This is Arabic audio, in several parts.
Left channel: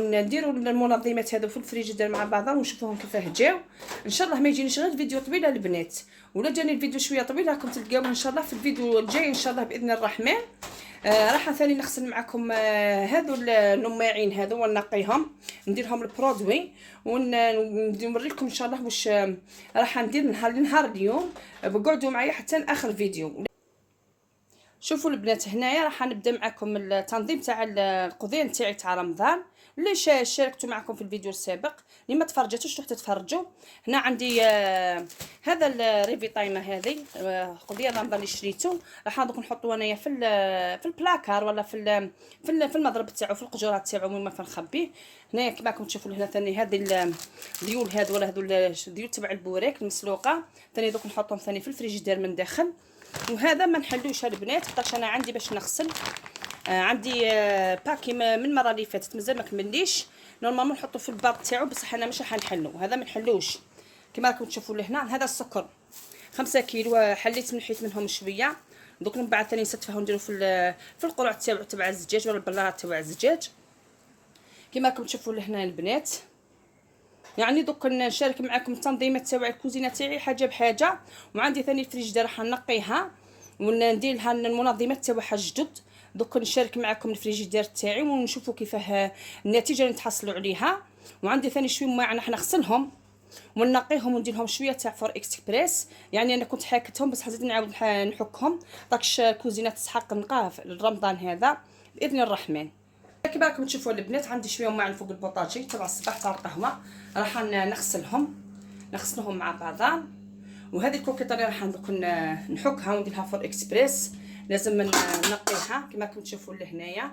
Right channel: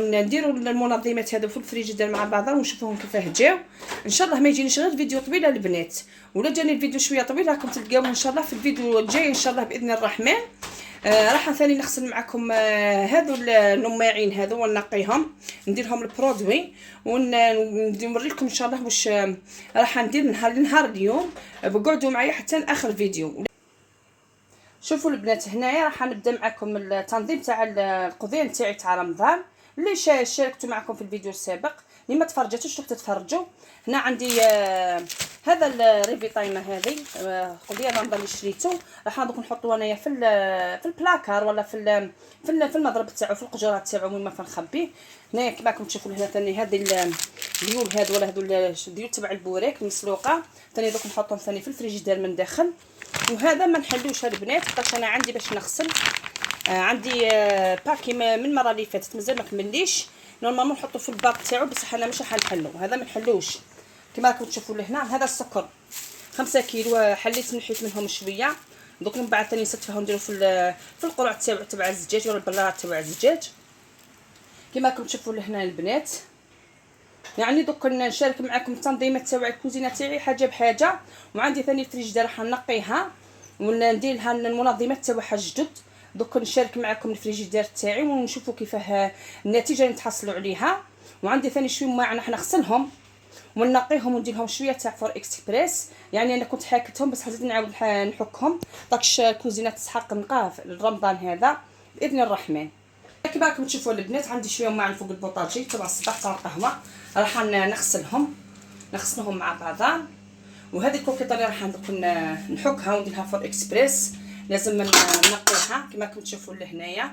نديروا المنظمات هذو في الفريجيدير مع بعضها ونشوفوهم كيفاه جاو. ان شاء الله ما يجينيش غير فيديو طويل البنات، ولا جاني الفيديو شويه طويل راكم تلقاوه ان شاء الله في الفيديو الجاي ان شاء الله باذن الرحمن. راح ثاني نغسل معكم هذو النماعين هذو ونقيهم، ندير لهم البرودوي ونوريكم ان شاء الله واش راح ندير نهار اليوم. بقعدوا معايا حتى اخر الفيديو. شوفوا البنات، هنايا راح نبدا معكم التنظيم تاع القضيان تاعي تاع رمضان اللي شاركته معكم في الفيديو السابق. اللي ما تفرجتوش تروحوا تتفرجوا. هنا عندي هذا الريفي تايمر هذه قضيه رمضان اللي شريته، راح دوك نحطوه انايا في البلاكار ولا في المضرب تاعو في القجرات تاعو وين ما نخبيه. هنايا كما راكم تشوفوا هنا ثاني هذه الديول هذو ولا هذو الديول تبع البوريك المسلوقه ثاني دوك نحطهم ثاني في الفريجيدير من داخل. وهذا ما نحلوش البنات حيت انا عندي باش نغسل عندي باكي من المره اللي فاتت مازال ما كمليش. نورمالمون نحطو في الباك تاعو بصح انا مش راح نحلو، هذا ما نحلوش كما راكم تشوفوا لهنا. هذا السكر 5 كيلو حليت نحيت منهم شويه، دوك من بعد ثاني نستفاهم نديرو في القرع تاع الزجاج ولا البلاط تاع الزجاج كما راكم تشوفوا لهنا البنات. يعني دوك نشارك معكم التنظيمات تاع الكوزينه تاعي حاجه بحاجه. وعندي ثاني الفريجيدير راح نقيها وندير لها المنظمات تاعها جدد. دوك نشارك معكم الفريجيدير تاعي ونشوفوا كيفاه النتيجه اللي نتحصلوا عليها. وعندي ثاني شويه ماعن راح نغسلهم وننقيهم وندير لهم شويه تاع فور اكسبريس. يعني انا كنت حاكتهم بس حزيت نعاود نحكهم داكش الكوزينه تسحق نقاه رمضان هذا باذن الرحمن. كما راكم تشوفوا البنات عندي شويه ماعن فوق البوطاجي تبع الصباح تاع القهوه راح نغسلهم مع بعضها. وهذه الكوكيطه راح نحكها وندير لها فور اكسبريس، لازم نقيها كما راكم تشوفوا لهنايا.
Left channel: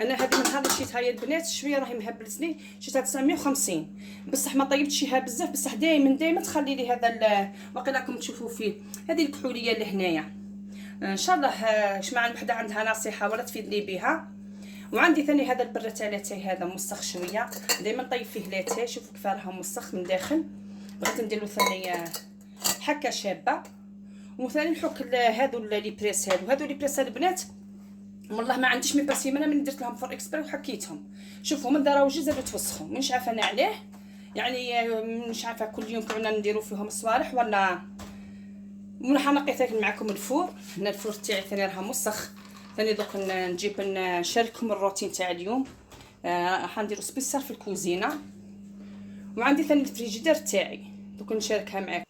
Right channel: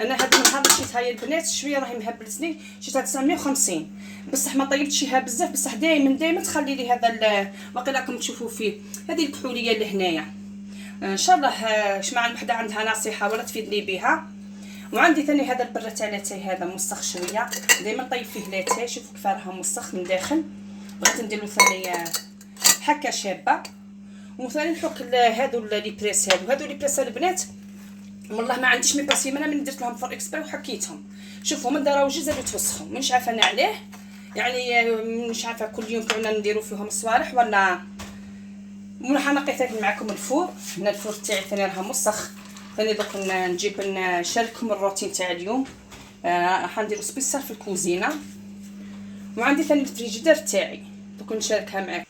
انا هذا النهار شريتها يا البنات شويه راهي مهبلتني، شريتها 950 بصح ما طيبتشيها بزاف بصح دائما تخلي لي هذا باقي راكم تشوفوا فيه هذه الكحوليه لهنايا. ان شاء الله شمع وحده عندها نصيحه ولا تفيدني بها. وعندي ثاني هذا البره تاع لاتاي هذا موسخ شويه، دائما طيب فيه لاتاي شوفوا كيف راه موسخ من داخل. بغيت ندير له ثاني حكه شابه. وثاني نحك هذو لي بريس هذو لي بريس البنات والله ما عنديش مي باسي من درت لهم فور اكسبري وحكيتهم. شوفوا من دراو جي زادوا توسخوا مش عارفه انا عليه، يعني مش عارفه كل يوم كنا نديروا فيهم الصوالح ولا راح نقي ثاني معكم الفور. هنا الفور تاعي ثاني راه موسخ. ثاني دوك نجيب نشارككم الروتين تاع اليوم. راح نديروا سبيسال في الكوزينه. وعندي ثاني الفريجيدير تاعي دوك نشاركها معكم.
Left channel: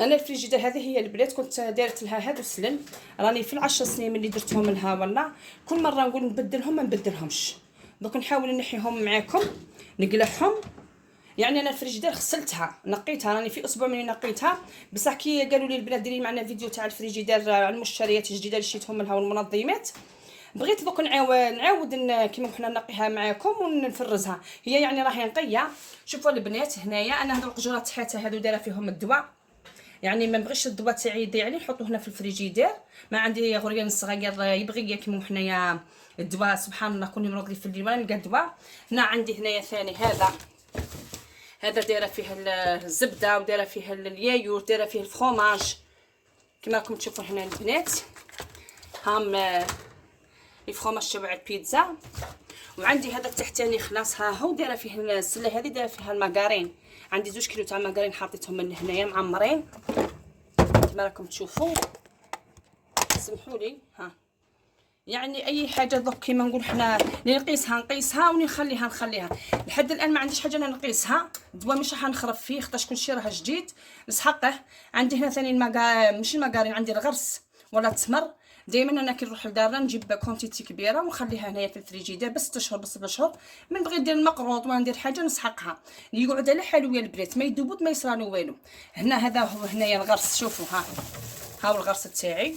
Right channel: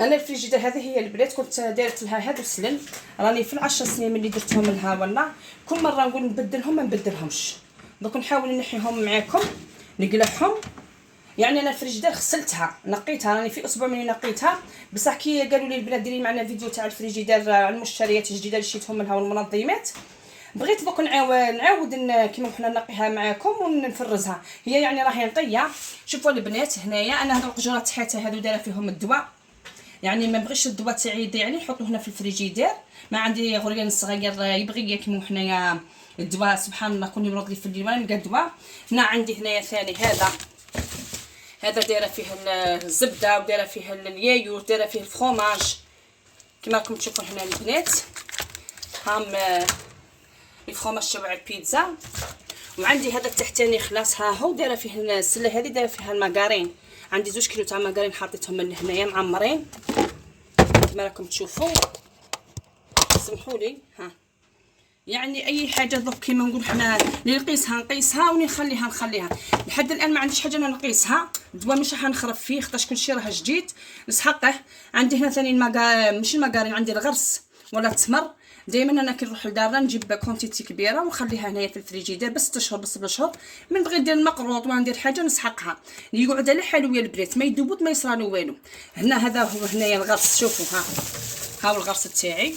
انا الفريجيدير هذه هي البنات كنت دارت لها هادو السلن راني في 10 سنين ملي درتهم لها ولا كل مره نقول نبدلهم ما نبدلهمش. دوك نحاول نحيهم معكم نقلعهم. يعني انا الفريجيدير غسلتها نقيتها راني في اسبوع ملي نقيتها بصح كي قالوا لي البنات ديري معنا فيديو تاع الفريجيدير على المشتريات الجديده اللي شريتهم لها والمنظمات. بغيت دوك نعاود كيما حنا نقيها معكم ونفرزها. هي يعني راهي نقيه. شوفوا البنات هنايا انا هذو القجرات حتى هذو دايره فيهم الدواء، يعني ما بغيش الدواء تاعي يضيع لي نحطو هنا في الفريجيدير. ما عندي غريان صغير يبغي كيما حنايا الدواء سبحان الله كل يوم لي في الليل ولا نلقى الدواء. هنا عندي هنايا ثاني هذا دايره فيه الزبده ودايره فيه اليايور دايره فيه الفرomاج كما راكم تشوفوا هنا البنات. هام الفرomاج تبع البيتزا. وعندي هذا التحتاني خلاص ها هو دايره فيه السله هذه دايره فيها الماكارين. عندي 2 كيلو تاع ماكارين حطيتهم من هنايا معمرين كما راكم تشوفوا. سمحوا لي ها يعني اي حاجه دوك كيما نقول حنا اللي نقيسها ونخليها لحد الان ما عنديش حاجه انا نقيسها. الدواء مش راح نخرف فيه خاطرش كلشي راه جديد نسحقه. عندي هنا ثاني ماشي الماكارين عندي الغرس ولا التمر. دائما انا كي نروح لدارنا نجيب كونتيتي كبيره ونخليها هنايا في الفريجيدير بس 6 شهور بس 7 شهور. من بغيت ندير المقروط ولا ندير حاجه نسحقها اللي يقعد على حالو يا البنات ما يذوبوت ما يصرالو والو. هنا هذا هو هنايا الغرس شوفوا ها هو الغرس تاعي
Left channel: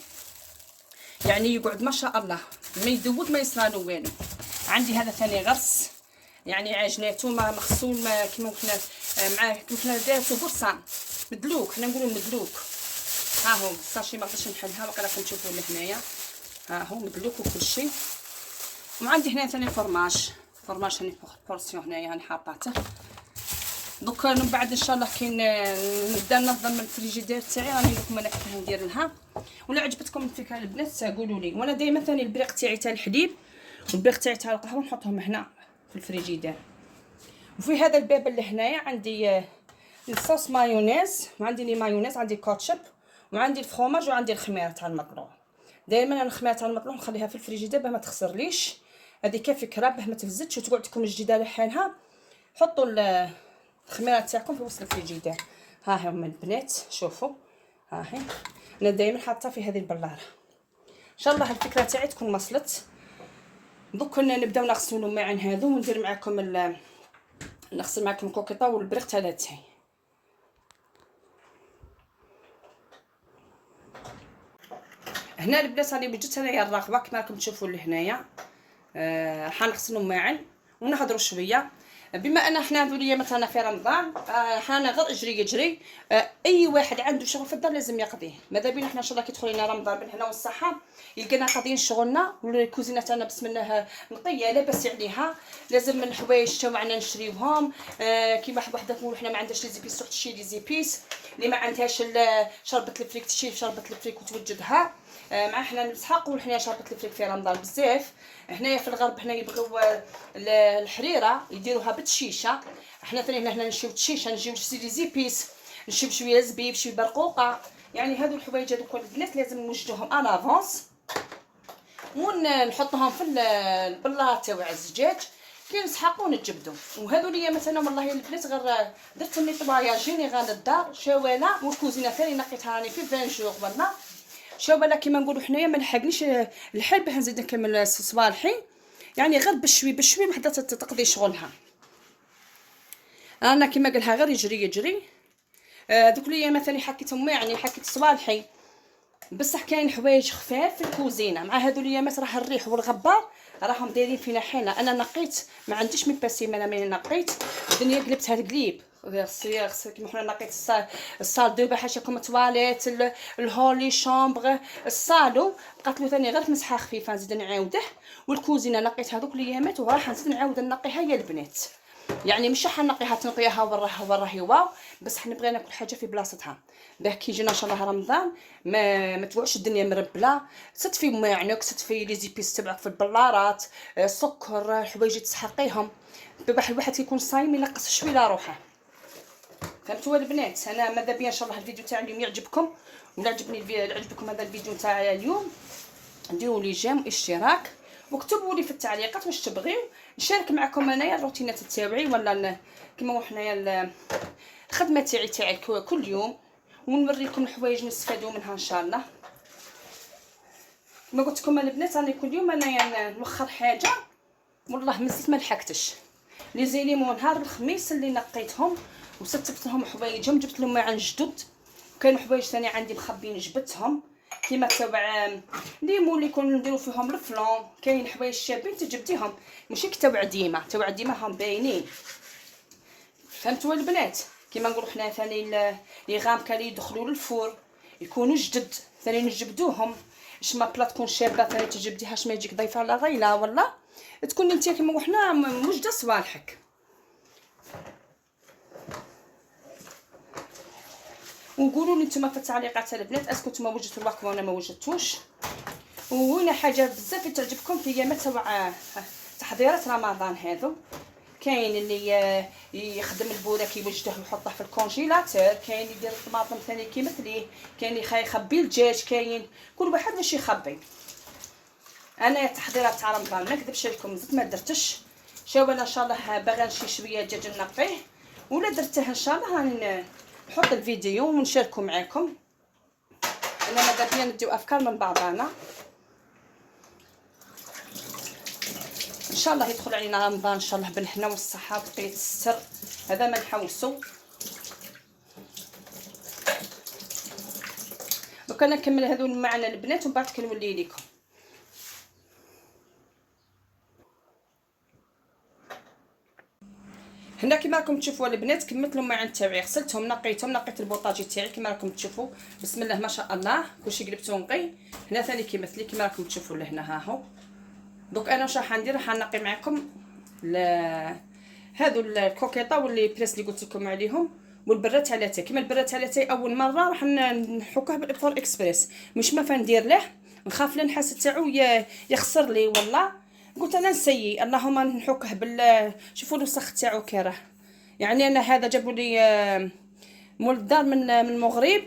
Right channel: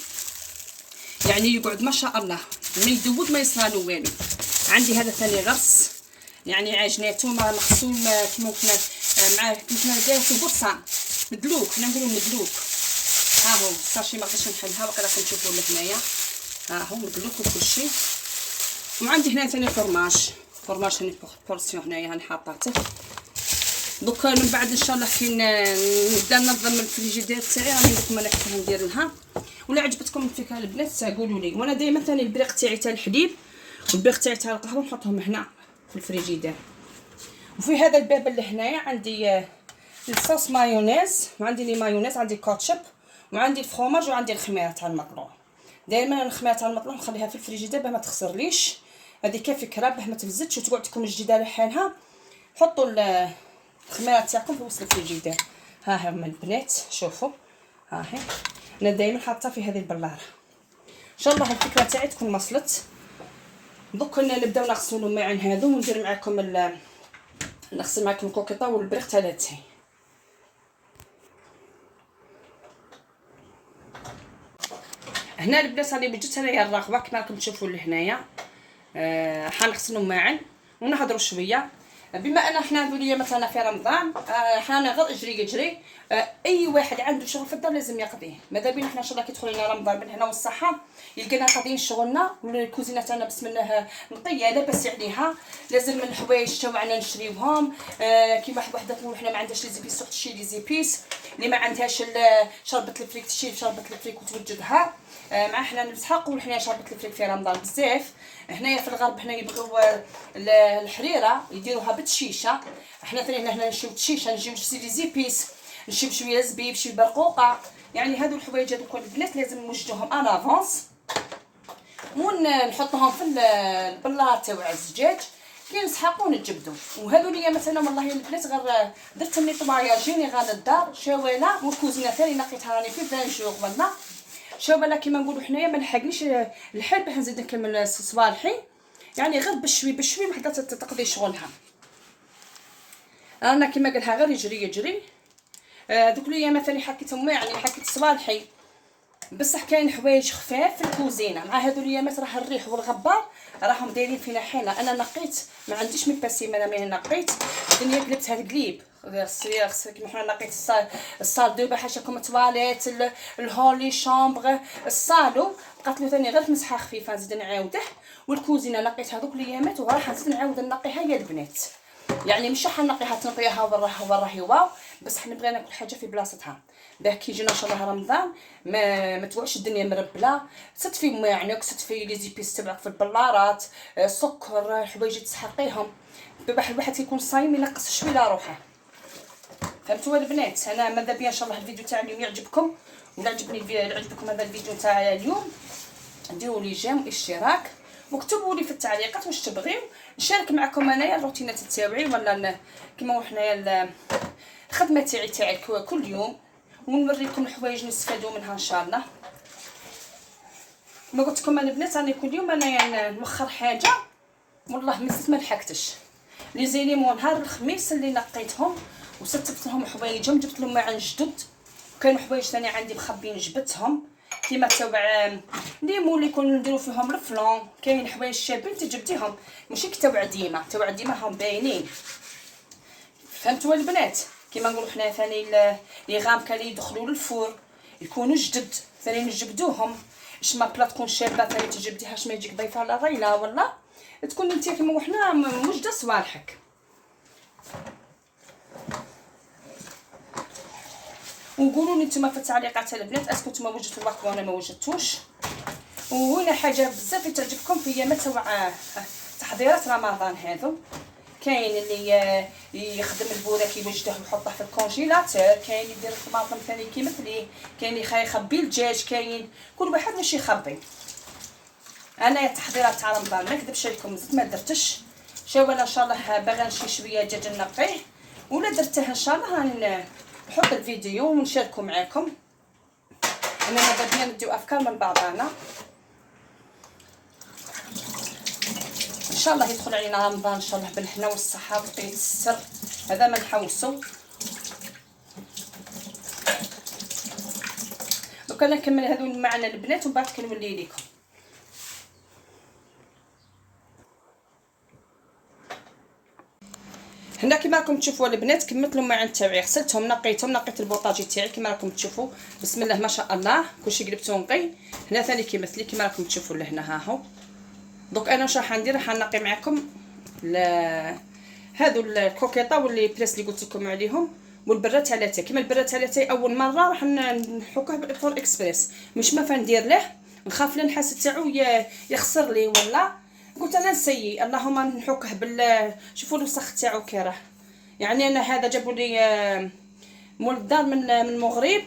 يعني يقعد ما شاء الله ما يذوبوت ما يصرالو والو. عندي هذا ثاني غرس يعني عجناتو مغسول كيما قلنا معاه كيما دارتو برصان مدلوك حنا نقولوا مدلوك. ها هو صافي ما بغيتش نحلها باقي راكم تشوفوا لهنايا ها هو مدلوك وكل شيء. وعندي هنا ثاني فرماج هاني بورسيون هنايا هاني حاطاته. دوك من بعد ان شاء الله كي نبدا ننظم الفريجيدير تاعي راني لكم انا كيفاه ندير لها. ولا عجبتكم الفكره البنات قولوا لي. وانا دائما ثاني البريق تاعي تاع الحليب والبريق تاعي تاع القهوه نحطهم هنا في الفريجيدير. وفي هذا الباب اللي هنايا عندي الصوص مايونيز، وعندي لي مايونيز، عندي كاتشب، وعندي الفرomاج، وعندي الخميره تاع المطلوع. دائما انا الخميره تاع المطلوع نخليها في الفريجيدير باه ما تخسرليش، هذه كفكره باه ما تفزتش وتقعد تكون جديده لحالها. حطوا الخميره تاعكم في وسط الفريجيدير. ها هما البنات شوفوا، ها هي انا دائما حاطه في هذه البلاره. ان شاء الله الفكره تاعي تكون وصلت. دوك نبداو نغسلوا الماعن هذو، وندير معكم نغسل معكم الكوكيطه والبريق تاعي. هنا البنات راني وجدت انايا الرغبه كما راكم تشوفوا لهنايا. حنغسلوا معا ونهضروا شويه. بما ان حنا اليوم مثلا في رمضان، حنا غير اجري اي واحد عنده شغل في الدار لازم يقضيه. ماذا بينا حنا ان شاء الله كي يدخل لنا رمضان بالهنا والصحه يلقينا قاضيين شغلنا، والكوزينه تاعنا بسم الله نقيه لاباس عليها. لازم من الحوايج تاعنا نشريوهم. كيما وحده حنا ما عندهاش لي زيبيس تروح تشري لي زيبيس، اللي ما عندهاش شربة الفريك تشري شربة الفريك وتوجدها. مع حنا نسحقوا حنا شربة الفريك في رمضان بزاف. هنايا في الغرب حنا يبغيو الحريره يديروها بالشيشه، حنا ثاني هنا نشيو الشيشه، نجيو لي زيبيس، نشيو شويه زبيب، شويه برقوقه. يعني هادو الحوايج هذوك البنات لازم نوجدوهم ان افونس، ونحطوهم في البلاط تاع الزجاج كي نسحقوا ونجبدوا. وهذو ليا مثلا والله البنات غير درت لي طواياجيني غا للدار شواله، والكوزينه ثاني نقيتها راني في 20 جوغ والله شواله كيما نقولوا حنايا. ما نحقنيش الحال باه نزيد نكمل صوالحي، يعني غير بشوي وحده تقضي شغلها. انا كيما قالها غير يجري. دوك ليا مثلا حكيتهم يعني حكيت صوالحي، بصح كاين حوايج خفاف في الكوزينه. مع هادو الايامات راه الريح والغبار راهم دايرين فينا حيله. انا نقيت ما عنديش مي باسي، ملي نقيت الدنيا قلبتها القليب. غسل كيما حنا نقيت الصال دو بحاشاكم التواليت، الهولي شامبر، الصالو بقات له ثاني غير مسحه خفيفه نزيد نعاوده. والكوزينه نقيت هذوك الايامات وراح نزيد نعاود نقيها يا البنات. يعني مش حنقيها تنقيها وراها واو، بس حنبغي ناكل حاجه في بلاصتها باه كي يجينا ان شاء الله رمضان ما توعش الدنيا مربله. تصطفي ماعنك، تصطفي لي زيبيس تبعك في البلارات، سكر، حوايج تسحقيهم باه الواحد كيكون صايم ينقص شويه على روحه. فهمتوا البنات؟ انا ماذا بيا ان شاء الله الفيديو تاع اليوم يعجبكم، ولا عجبكم هذا الفيديو تاع اليوم ديروا لي جيم واشتراك، وكتبوا لي في التعليقات واش تبغيو نشارك معكم انايا الروتينات تاعي، ولا كيما حنايا الخدمه تاعي كل يوم، ونوريكم الحوايج نستفادوا منها ان شاء الله. ما قلت لكم البنات راني كل يوم انايا نوخر حاجه، والله مازلت ما لحقتش. لي زيليمون نهار الخميس اللي نقيتهم وستفت لهم حوايجهم، جبت لهم معن جدد. كاين حوايج ثاني عندي مخبين جبتهم كيما تبع ليمون اللي يكونوا نديرو فيهم الفلون. كاين حوايج شابين تجبديهم ماشي تبع ديما هم باينين. فهمتوا البنات؟ كيما نقولوا حنا ثاني لي غامكه اللي يدخلوا للفور يكونوا جدد ثاني نجبدوهم. ما بلا تكون شابه ثاني تجبديها ما يجيك ضيفه على غيله، ولا تكون انت كيما وحنا موجده صوالحك. وقولوا لي نتوما في التعليقات البنات اسكو نتوما وجدتوا الوقت وانا ما وجدتوش. وهنا حاجه بزاف تعجبكم في ايامات تاع تحضيرات رمضان هذو. كاين اللي يخدم البوراك يوجده ويحطه في الكونجيلاتور، كاين يدير الطماطم ثاني كيما مثلي، كاين اللي يخبي الدجاج، كاين كل واحد واش يخبي. انا التحضيرات تاع رمضان ما نكذبش عليكم زدت ما درتش شاوله ان شاء الله باغا نشي شويه دجاج نقيه، ولا درته ان شاء الله راني نحط الفيديو ونشاركو معاكم. انا ماذا بيا نديو افكار من بعضنا ان شاء الله. يدخل علينا رمضان ان شاء الله بالهنا والصحه وبقيه السر، هذا ما نحوسو. دوكا نكمل هذو معنا البنات ومن بعد كنولي لكم. هنا كيما راكم تشوفوا البنات كملت لهم معن تاعي، غسلتهم نقيت البوطاجي تاعي كيما راكم تشوفوا بسم الله ما شاء الله كلشي قلبته نقي. هنا ثاني كيمثلي كيما راكم تشوفوا لهنا ها هو. دوك انا واش راح ندير، راح نقي معكم هادو الكوكيطه واللي بريس اللي قلت لكم عليهم، والبره تاع لاتاي. كيما البره تاع لاتاي اول مره راح نحكوه بالفور اكسبريس، مش ما فندير له نخاف لا نحس تاعو يخسر لي ولا قلت انا نسيي اللهم نحكه شوفوا الوسخ تاعو كي يعني انا هذا جابوا لي مول الدار من المغرب،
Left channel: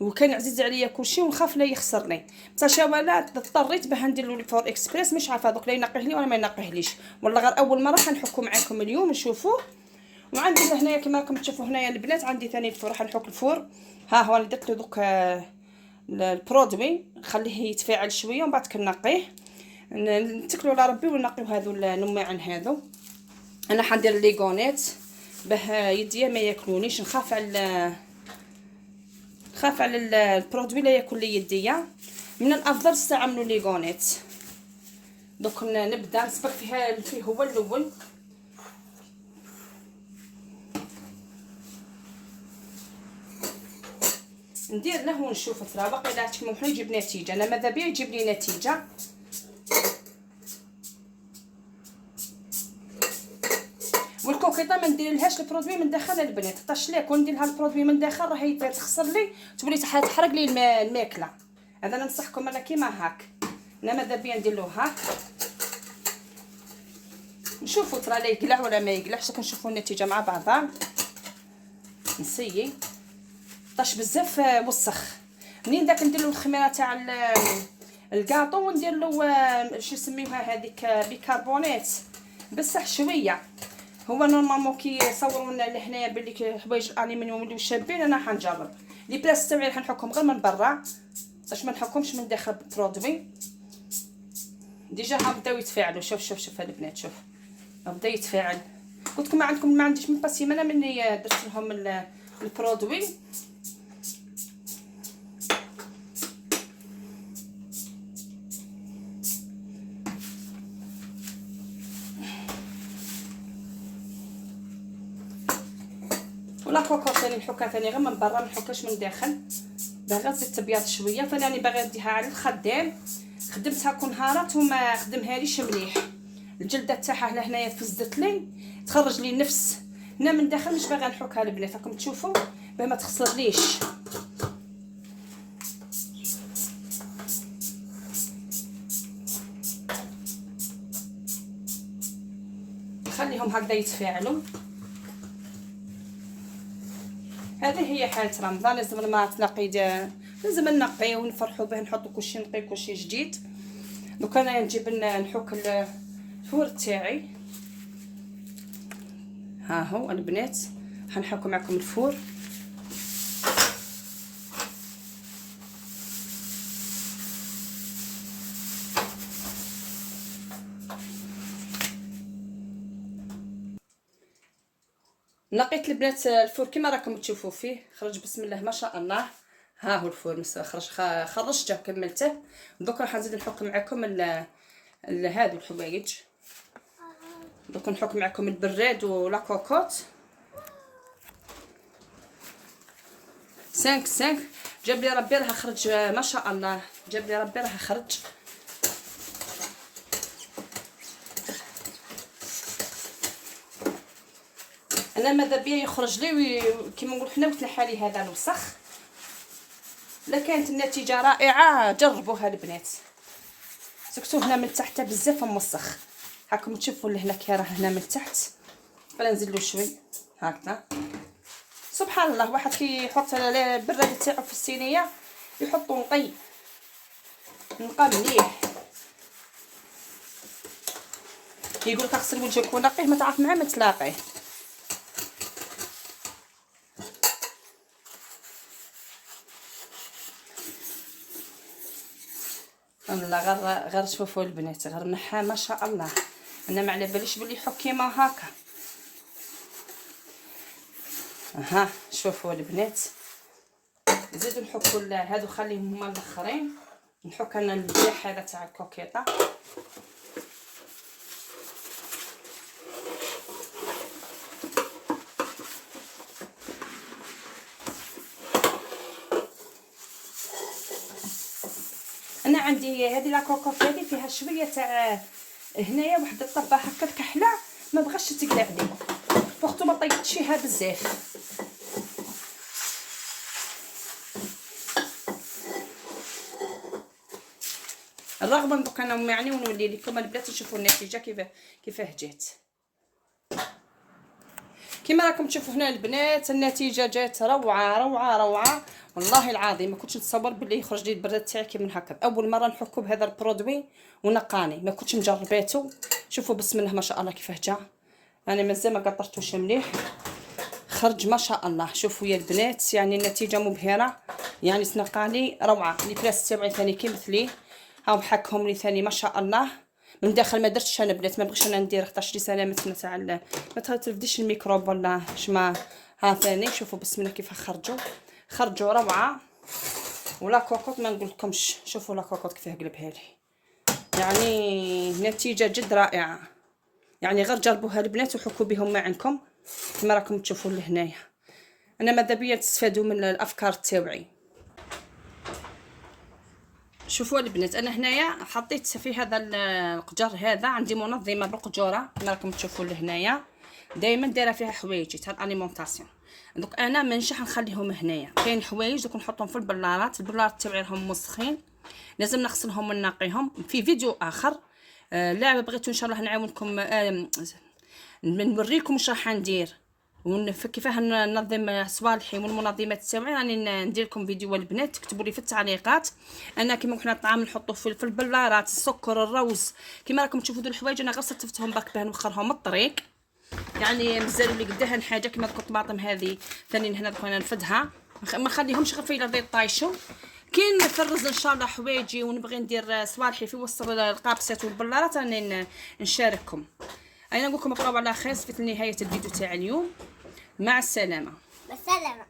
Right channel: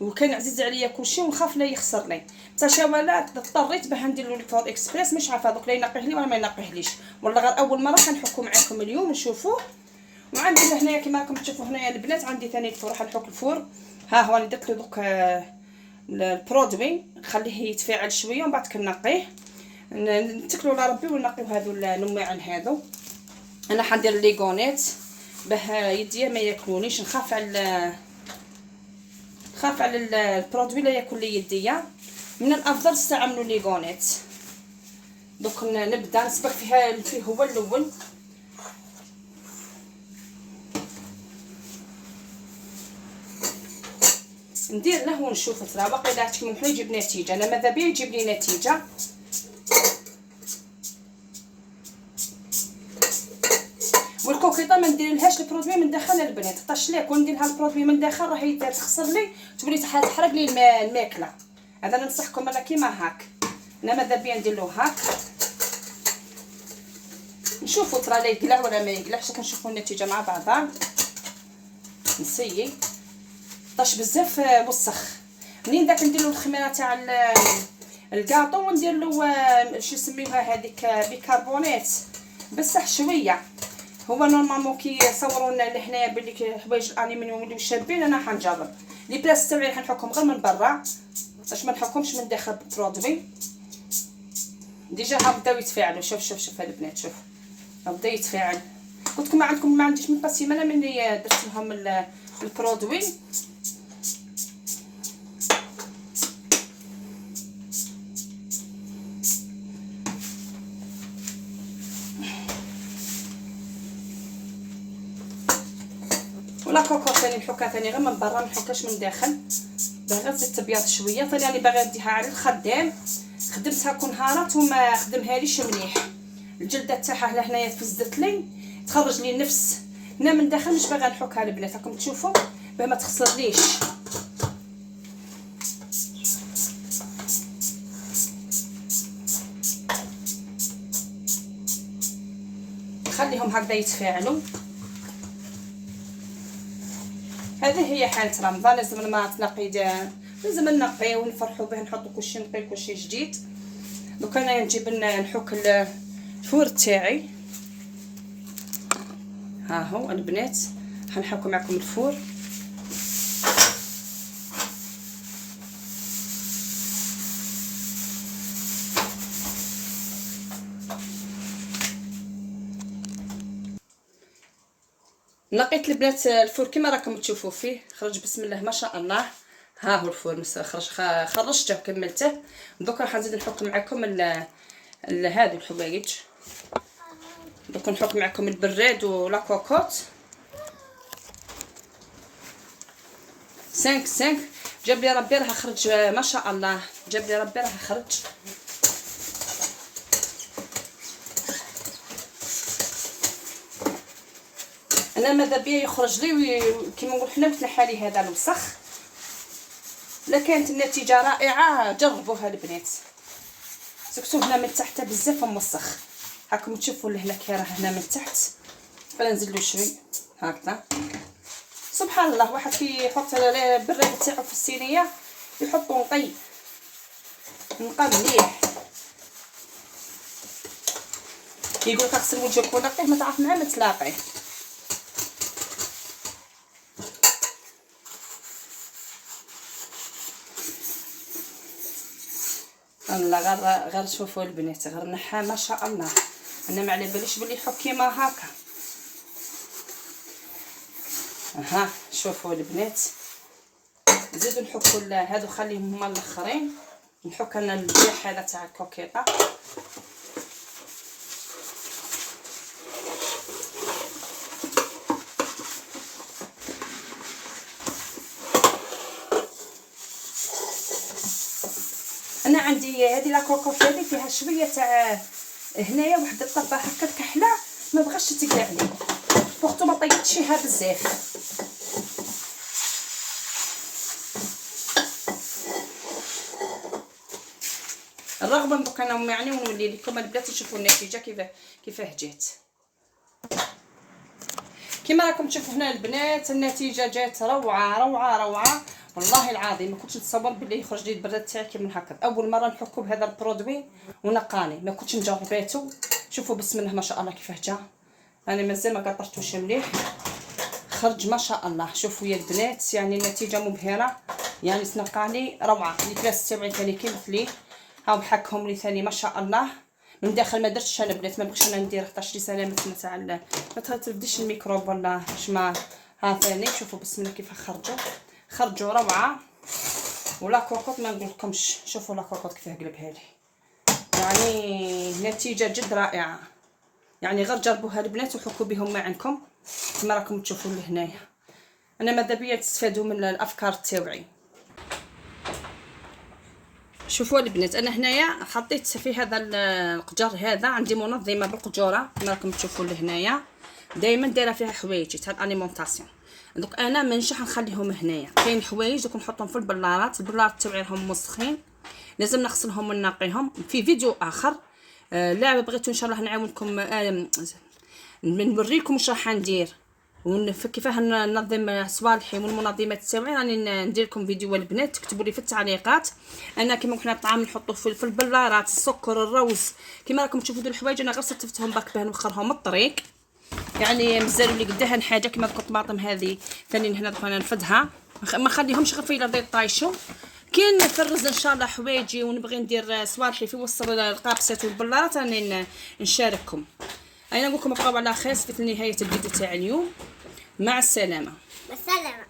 وكان عزيز عليا كلشي ونخاف لا يخسرني. بصح ولا اضطريت باه ندير له الفور اكسبريس، مش عارفه دوك لا ينقيه لي ولا ما ينقيهليش، والله غير اول مره حنحكو معاكم اليوم نشوفوه. وعندي هنايا كما راكم تشوفوا هنايا البنات عندي ثاني الفور، راح نحك الفور. ها هو انا درت له دوك البرودوي نخليه يتفاعل شويه ومن بعد كنقيه، نتكلوا على ربي ونقيو هذو النماعن هذو. انا حندير ليغونيت باه يديا ما ياكلونيش، نخاف على البرودوي لا ياكل لي يديا. من الافضل تستعملوا ليغونيت. دوك نبدا نسبق فيه هو الاول. ندير له ونشوف ترى واقيلا كيما يجيب نتيجه. انا ماذا بيا يجيب لي نتيجه. والكوكيطه ما نديرلهاش البرودوي من داخل البنات، طاش ليك وندير لها البرودوي من داخل راهي تخسر لي، تولي تحرق لي الماكله. هذا ننصحكم انا كيما هاك. انا ماذا بيا ندير له هاك نشوفوا ترى لا يقلع ولا ما يقلعش، كنشوفوا النتيجه مع بعضها. نسيي طاش بزاف وسخ. منين داك ندير له الخميره تاع الكاطو وندير له شو يسميوها هذيك بيكربونات بصح شويه. هو نورمالمون كي يصوروا لنا لهنايا بلي حوايج الالومنيوم اللي شابين، انا حنجرب لي بلاص تاعي حنحكم غير من برا باش ما نحكمش من داخل بالبرودوي. ديجا ها بداو يتفاعلوا. شوف البنات، شوف بدا يتفاعل. قلت لكم ما عندكم ما عنديش من قسيمه انا ملي درت لهم البرودوي. ولا كوكو ثاني نحكها ثاني غير من برا، ما نحكهاش من داخل، باغا تزيد تبيض شويه. ثاني راني باغا نديها على الخدام، خدمتها كل نهارات وما خدمهاليش مليح. الجلده تاعها لهنايا تفزدت لي، تخرج لي النفس. انا من داخل مش باغا نحكها البنات، راكم تشوفوا باه ما تخسرليش. خليهم هكذا يتفاعلوا. هذه هي حالة رمضان. لازم ما تنقي لازم نقي ونفرحوا به، نحطوا كلشي نقي كلشي جديد. دوك انا نجيب نحك الفور تاعي. ها هو البنات حنحكوا معكم الفور. نقيت البنات الفور كما راكم تشوفوا فيه، خرج بسم الله ما شاء الله. ها هو الفور خرجته وكملته. دوك راح نزيد نحك معكم هادو الحوايج. دوك نحك معكم البراد ولا كوكوط 5 جاب لي ربي راه خرج ما شاء الله. جاب لي ربي راه خرج. انا ماذا بيا يخرج لي كيما نقول حنا وتنحى لي هذا الوسخ. لا كانت النتيجه رائعه جربوها البنات. سكتو هنا من تحت بزاف موسخ، هاكم تشوفوا لهنا كي راه هنا من تحت. بلا نزيد له شوي هكذا. سبحان الله، واحد كيحط البراد تاعو في الصينيه يحطو نقي مليح. يقول لك اغسل وجهك ونقيه، ما تعرف معاه ما تلاقيه. لا غير شوفوا البنات، غير نحى ما شاء الله. انا ما على باليش بلي يحك كيما هكا. ها شوفوا البنات، نزيدو نحكوا هادو خليهم هما الاخرين. نحك انا الجيح هذا تاع الكوكيطه. انا عندي هذه لا كوكوط هذه فيها شويه تاع هنايا واحد الطبه هكا كحله، ما بغاش تقلع لي بوغتو ما طيبتشيها بزاف. بالرغم من دوك انا يعني ونولي لكم البنات نشوفوا النتيجه كيفاه جات. كما راكم تشوفوا هنا البنات النتيجه جات روعه روعه روعه والله العظيم. ما كنتش نتصور باللي يخرج لي البراد تاعي كي من هكا. اول مره نحكو بهذا البرودوي ونقاني، ما كنتش مجرباتو. شوفوا بسم الله ما شاء الله كيفاه جا. انا مازال ما قطرتوش مليح، خرج ما شاء الله. شوفوا يا البنات يعني النتيجه مبهره يعني تنقاني روعه. اللي 3 تاعي ثاني كي مثلي هاو حكهم لي ثاني ما شاء الله. من داخل ما درتش انا بنات، ما بغيتش انا ندير خاطرش لي سلامتنا تاع ما ترفدش الميكروب ولا شما. ها ثاني شوفوا بسم الله كيف خرجوا روعه. ولا كوكوط ما نقولكمش. شوفوا لا كوكوط كيفاه قلبها لي، يعني نتيجه جد رائعه. يعني غير جربوها البنات وحكوا بهم ما عندكم كما راكم تشوفوا لهنايا. انا ماذا بيا تستفادوا من الافكار تاوعي. شوفوا البنات انا هنايا حطيت في هذا القجر هذا عندي منظمه بالقجوره كما راكم تشوفوا لهنايا. دائما دايره فيها حوايج تاع الاليمونطاسيون. دوك انا ما نجح نخليهم هنايا. كاين حوايج دوك نحطهم في البلارات. البلارات تاعي راهم مسخين لازم نغسلهم وننقيهم. في فيديو اخر لا بغيتو ان شاء الله نعاونكم نوريكم واش راح ندير كيفاه ننظم صوالحي والمنظمات تاعي. راني ندير لكم فيديو البنات تكتبوا لي في التعليقات. انا كيما كنا الطعام نحطوه في البلارات السكر الروز كيما راكم تشوفوا دول الحوايج. انا غير صفتهم باك باه نوخرهم الطريق. يعني مازالوا لي قداها حاجه كيما دوك الطماطم هذه ثاني هنا دوك انا نفدها ما خليهمش غير في لا طايشوا. كاين نفرز ان شاء الله حوايجي ونبغي ندير صوالحي في وسط القابسات والبلارات راني نشارككم. انا نقول لكم بقاو على خير في نهايه الفيديو تاع اليوم. مع السلامه. بالسلامه.